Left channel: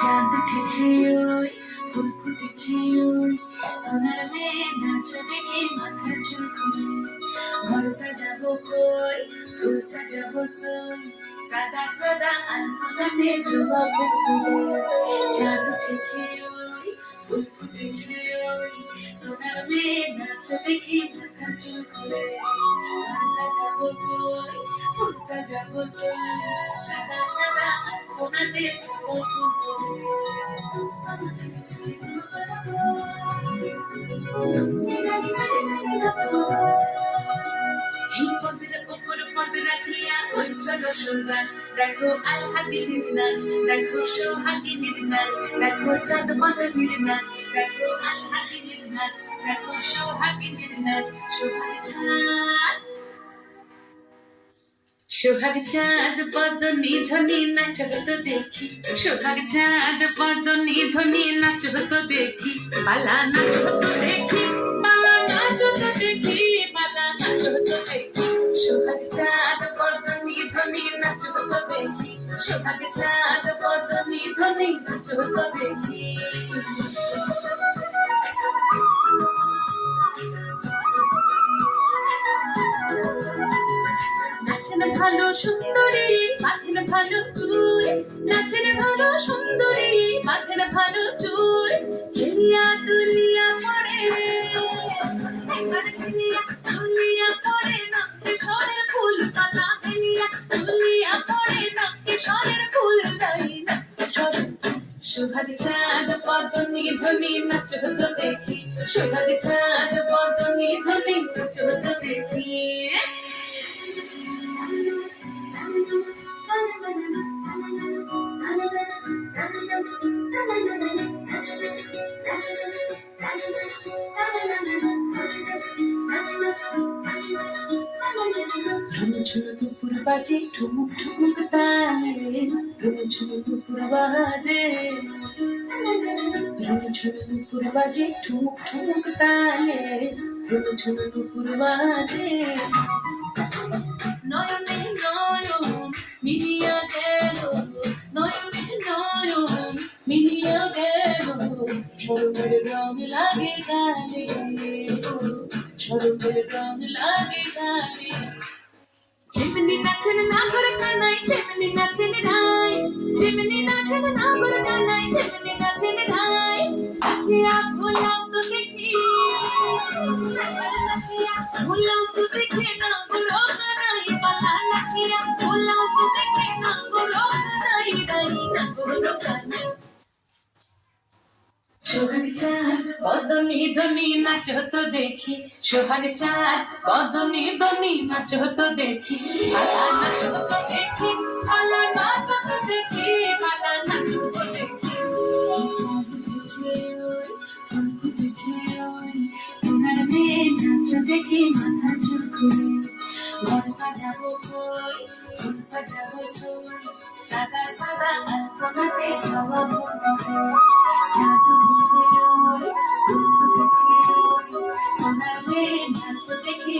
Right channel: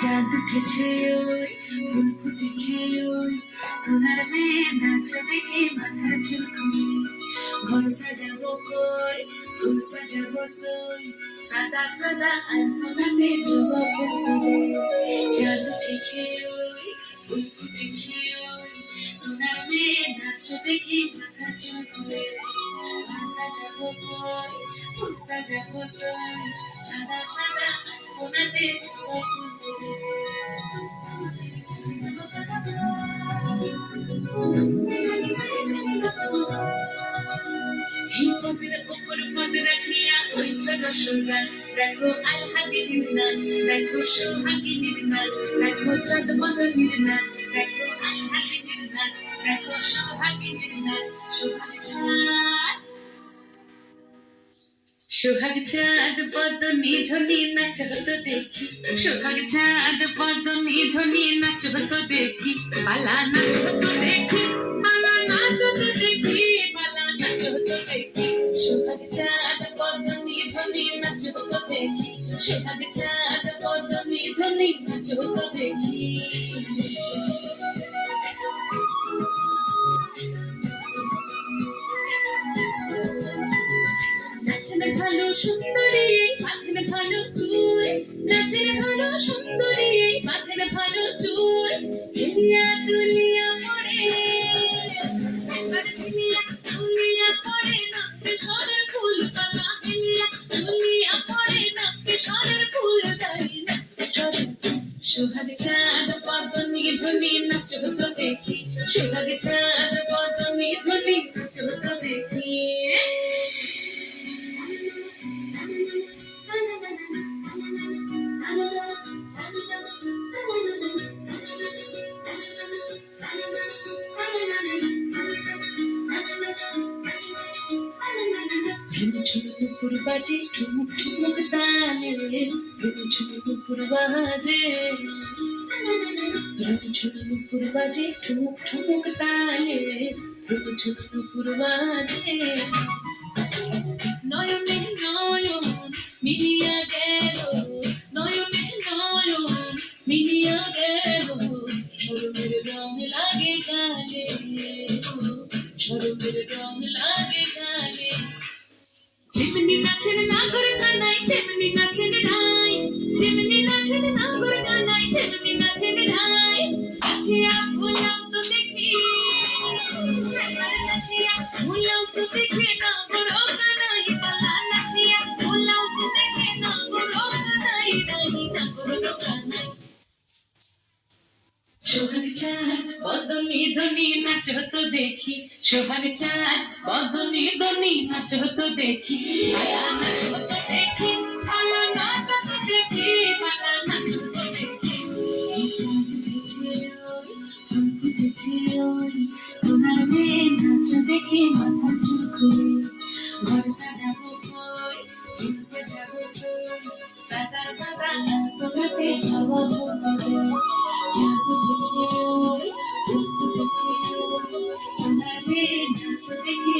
চাঁদ উঠেছে ওই ফুল ফুটেছে ওই সোনার মেয়ে নাচ দেখে মাথার চুল খুলে ঘর সাজাবো কই ফুল সাজাবো সই সাদা সাদা আলপনাতে জবা ফুল তুলে চাঁদ উঠেছে ওই ফুল ফুটেছে ওই সোনার মেয়ে নাচ দেখে মাথার চুল খুলে ঘর সাজাবো কই ফুল সাজাবো সই সাদা সাদা আলপনাতে জবা ফুল তুলে এই পদের উপর পদ রাখিয়া ওই ছোট সুগাছ দেখো আলহাদিনীর নাচ দেখো সোহাগিনীর নাচ দেখো চাঁদ মাদনীর নাচ দেখো আলহাদিনীর নাচ দেখো সোহাগিনীর নাচ সোহাগ চাঁদ পদ নিধনি নাচ হতো দেখি সোহাগ চাঁদ পদ নিধনি নাচ হতো দেখি পালা নাচ হতো দেখি পালা নাচ হতো দেখি পালা নাচ হতো দেখি সোহাগ চাঁদ পদ নিধনি নাচ হতো দেখি সোহাগ চাঁদ পদ নিধনি নাচ হতো দেখি ভালো সুন্দরী মাথের ভালো চুল নাচের ভালো সুন্দরী মাথের ভালো চুল খেলিয়া দুলিয়া পড়ে একবার খেলিয়া দুলিয়া পড়ে নামতে সরের ফুল পালা খেলিয়া দুলিয়া পড়ে নামতে সরের ফুল দাঁড়িয়ে নামতে সরের সোহাগ চাঁদ পদ নিধনি নাচ হতো দেখি সোহাগ চাঁদ পদ নিধনি নাচ হতো দেখি ঝুমঝুমুকুর বাজে ঠুমুক ঠুমুক তালে ঝুমঝুমুকুর বাজে ঝুমঝুমুকুর বাজে ঠুমুক ঠুমুক তালে ঝুমঝুমুকুর বাজে নয়নে নয়ন মিলিয়া গেল নয়নে নয়ন মিলিয়া গেল সরবের রং লাগে গালে সরবের রং লাগে গালে যেমনি নাচের নাগর কানাই তেমনি নাচের রাই যেমনি নাচের নাগর কানাই তেমনি নাচের রাই নাচিয়া ভোলাও তো দেখি নাচিয়া ভোলাও তো দেখে নাগর কানাই পালা নাচিয়া ভোলাও তো দেখে নাগর কানাই রাই নাগর কানাই সোহাগ চাঁদ পদ নিধনি নাচ হতো দেখি সোহাগ চাঁদ পদ নিধনি নাচ হতো দেখি পালা নাচ হতো দেখি পালা নাচ হতো দেখি পালা নাচ হতো দেখি সোনার মেয়ে নাচ দেখি মাথা চুল খুলে ঘর সাজাবো কই ফুল সাজাবো সই সাদা সাদা আলপনাতে জবা ফুল তুলে চাঁদ উঠেছে ওই ফুল ফুটেছে ওই সোনার মেয়ে নাচ দেখি